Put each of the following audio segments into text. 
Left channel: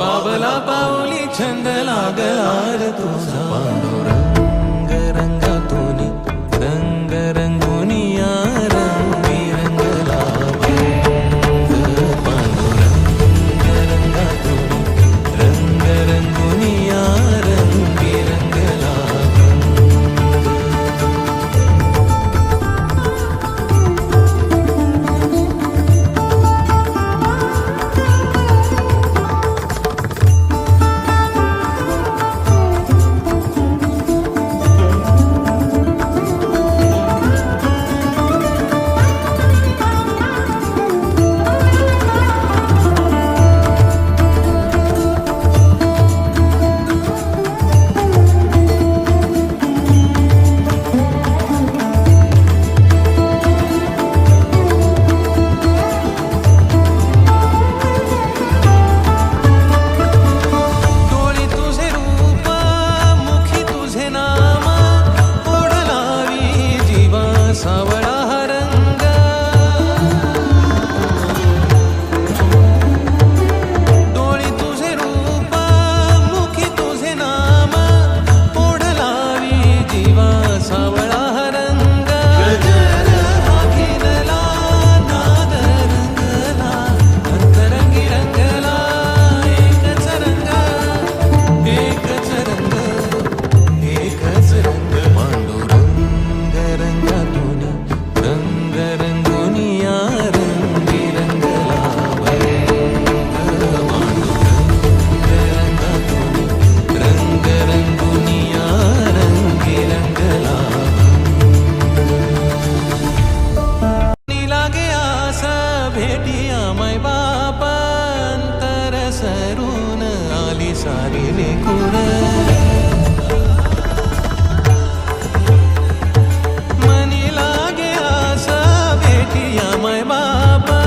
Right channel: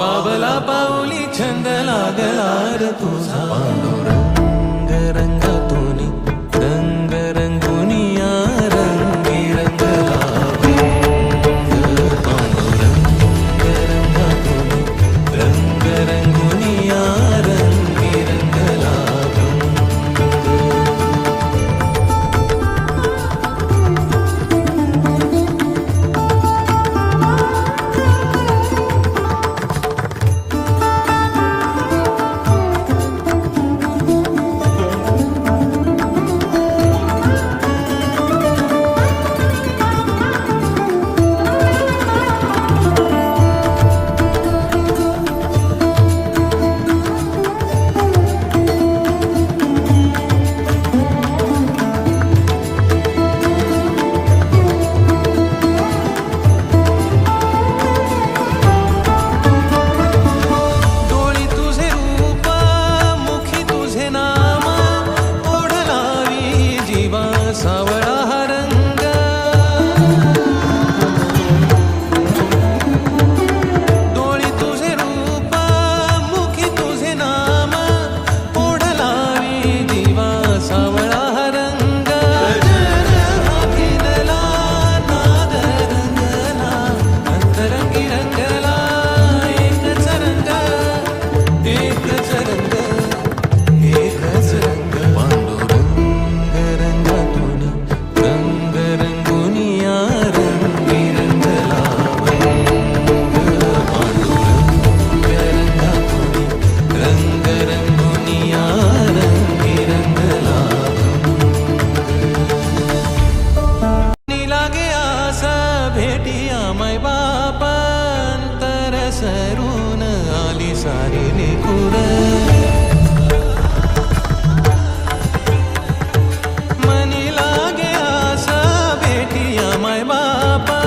पावला पावली छंद लागला र तुझा. पांडुरंग रंगातून रंग रंगुनिया रंग So. भेटी आमाय बापांतर सरून आली सारी निकुर मनी लागे आसा भेटी आमाय बापा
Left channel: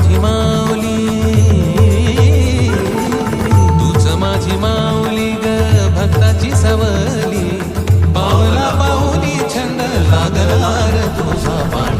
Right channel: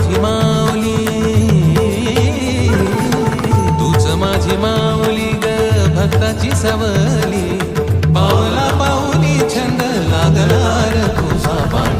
माझी माऊली तूच माझी माऊली ग भक्ताची सवली. पावला पाऊली छंद लागला तुझा पाणी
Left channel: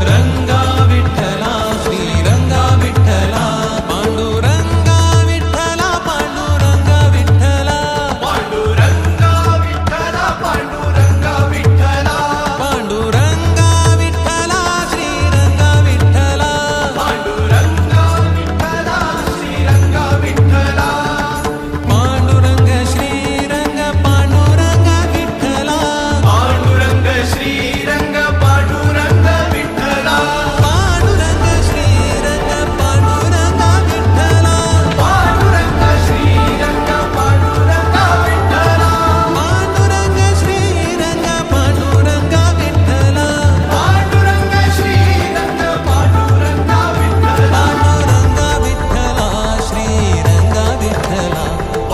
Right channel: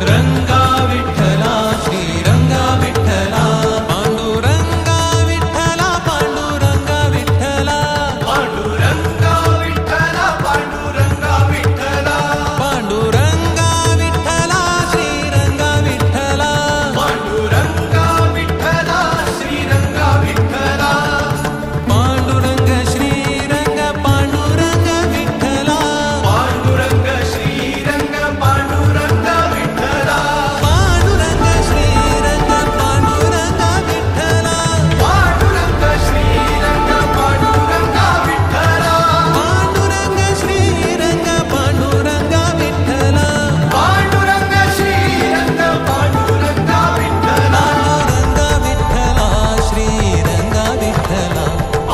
रंग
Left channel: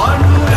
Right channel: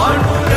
ஆண்டு